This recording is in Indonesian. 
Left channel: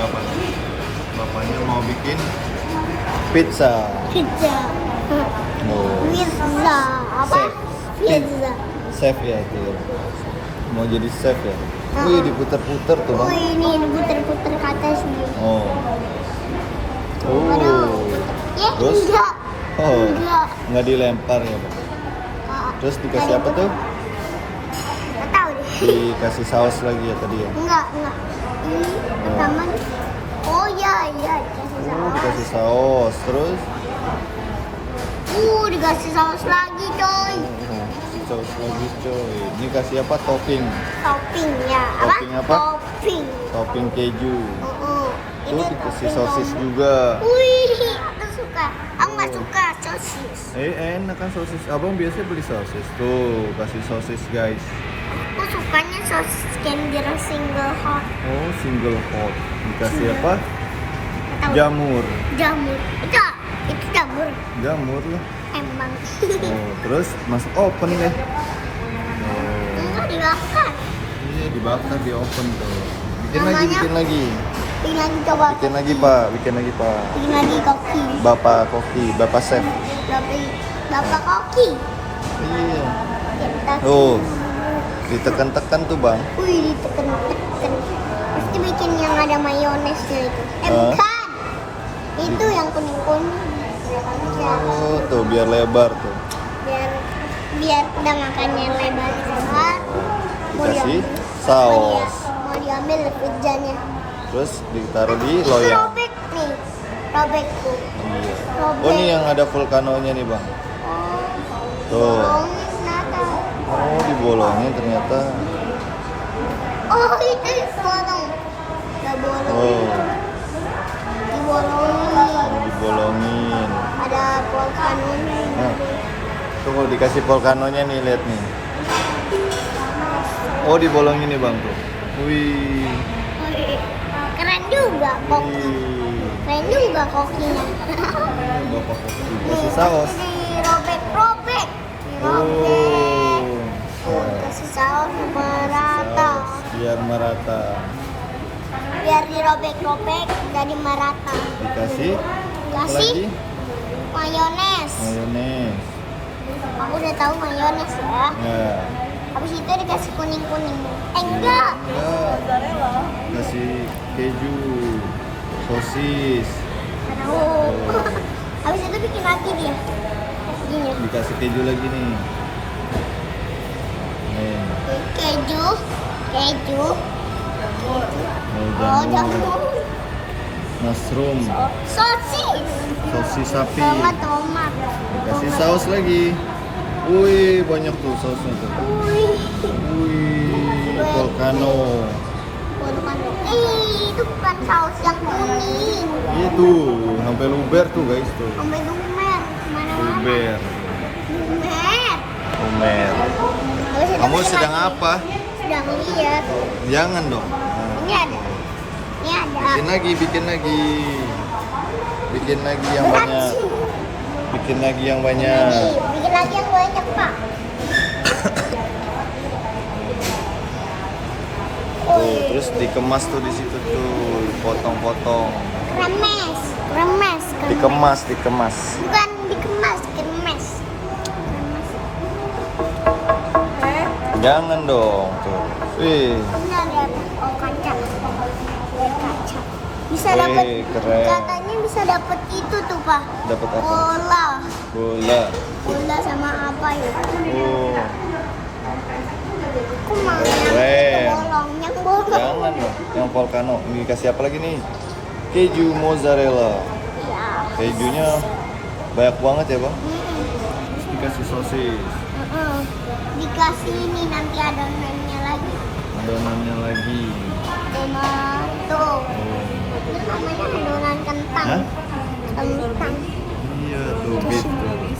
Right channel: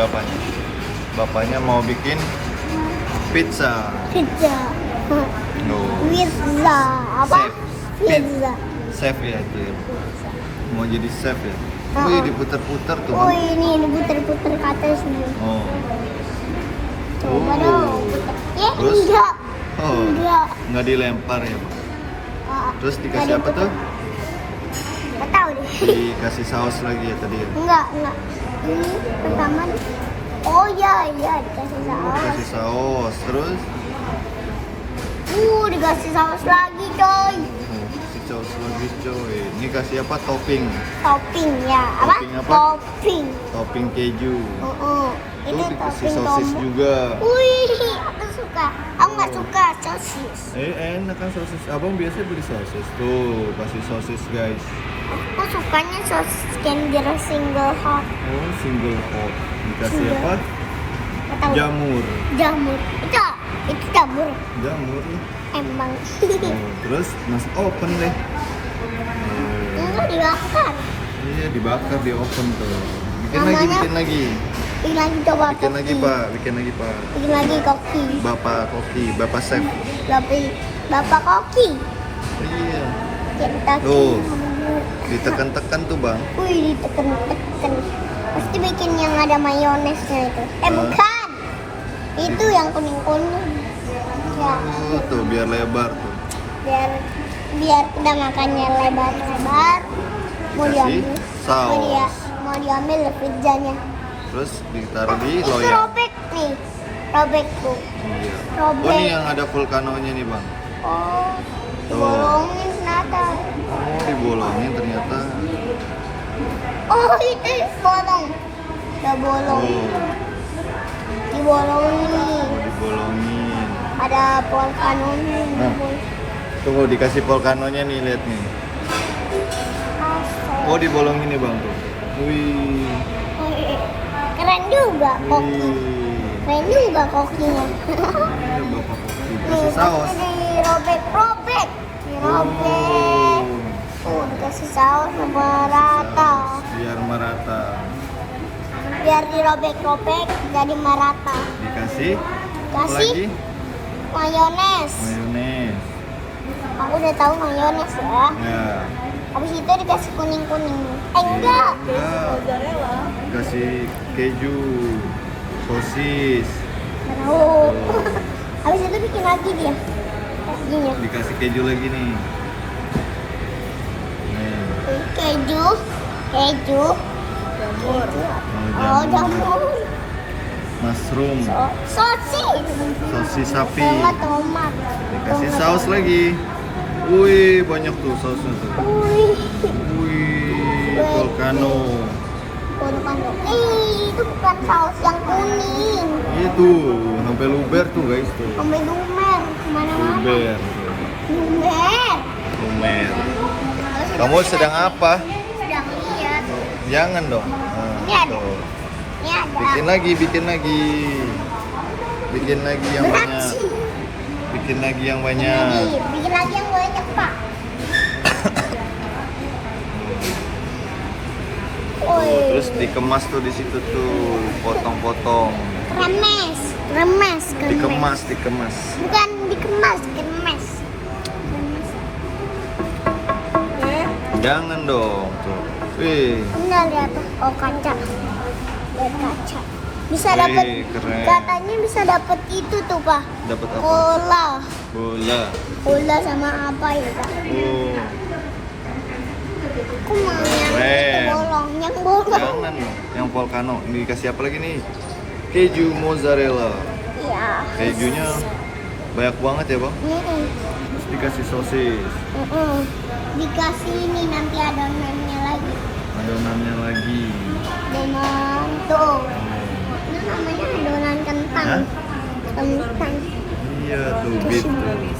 bapaknya. Bapaknya mau bikin pizza. Pizza. Oh. Pizza. Apa? Chef. Pizza. Chef ya, Cil. Mau jadi chef ya. Wih, diputer-puter tuh, Oh, Bang. ini diputer-puter ke atas nih. Oh. Ya, Terus? enggak. Oh. Enggak. Nggak dilempar ya, Bang. Terus dikasih apa tuh? Enggak tahu deh. Dikasih saus lagi ya tadi ya. Enggak. Ini pertama. Oh iya, dikasih saus. Dikasih saus, terus Dikasih saus lagi, coy. dikasih saus lagi, coy. Ini kasih apa? Topping. Topping ya. Topping apa? Topping. Topping keju. Tuh Ini dikasih topping sosis tomat. juga. Wih, aku suka. Aku nggak suka sosis. Enak kan sosis. Abang biasa beli sosis. Tuh, kasih sosis, guys. Aku sukanya sosis Kinder single hot. Oh, single hot. Dikasih Iya. apa? Nggak tahu. Jamur. Jamur. Itu jamur. Jamur lah. Emang. Oh, terus masuk oven deh. Oh. Enggak dibakar. Iya, dibakar di oven tuh. Bikin Namanya- lagi, bikin lagi. Bikin lagi coba. Bikin lagi, Pak. Bikin lagi, Pak. Bikin lagi koki. Bapak koki, Bapak chef. Bapak koki. Iya. Kita. Tuh. Ditekan-tekan tuh, Bang. Wih, ditekan-tekan. Pasti bikin yang ada mayonesnya itu. Hah? Bukan. Itu yang kuning-kuning. Ya, Oh, tuh biar lebar tuh. biar kita makannya lebar-lebar. Dikasih Mau saus. mau diambil pizzanya. Terus ditaruh di Ini loyang. robek nih. Robekku. Iya. Robek. Oh, ini yang ada vulkanonya nih, Bang. Oh. Tuh. Bolongin kenapa? Oh, dibolongin ternyata. Oh, itu bolong. Udah bolong. Oh, Dibolongin. dibolongin. Ada volcanonya. Nah, tunggu dikasih vulkanonya nih, lihat nih. Oh, dibolongin nih, Bang tuh. Wih. Keren juga koki. Wih. Keren juga kokinya. Ini Bapak koki. Kasih saus. Dirobek-robek. Dirobek. Oh. Kasih saus merata. Biar merata. Biar dirobek-robek jadi merata. Dikasih apa Kasih lagi? mayones. Mayones. Aku udah tahu mayones ya. Ya. Habis itu dikasih kuning-kuning. Enggak. Ya. Kasih keju, sosis. Tahu. Habis itu bikin lagi dia. Gini. Dikasih keju lagi nih. Nih. Keju. Keju. Mau Oh, jamur. jamur. Mushroom. Sosis. Sosis sapi. Tomat. Dikasih saus lagi. Wih, banyak tuh sausnya tuh. Wih. Wih, volcano. Itu bukan saus yang kuning. Itu, sampai luber tuh guys tuh. Sampai lumer kemana-mana. Luber. Lumer. Lumer. Habis itu Kamu bikin sedang lagi. apa? Sedang lihat. Jangan dong. Nah, Ini ada. tuh. Ini ada. Bikin lagi, bikin lagi. Bikin lagi yang banyak. Bikin lagi yang banyak. Bikin lagi yang banyak, Pak. Tuh, terus dikemas tuh di situ tuh, potong-potong. Kremes. Kremes. Dikemas, dikemas. Bukan dikemas, kremes. Jangan dong, tuh. Wih, Ini ada oh kaca. Kaca. Bisa Wih, dapat keren. katanya bisa dapat itu tuh, Pak. dapat apa? Bola. Bola. Bola sama apa ya? Oh, Aku mau yang Keren. bolong, yang bolong. jangan dong. Yang volcano. Ini dikasih apa lagi nih? Keju mozzarella. Iya. Kejunya banyak banget ya, Bang. Terus dikasih sosis. Dikasih ini nanti adonannya lagi. Adonannya lagi. Adonan tuh. Itu namanya adonan kentang. Hah? Kentang. Iya tuh, beef tuh.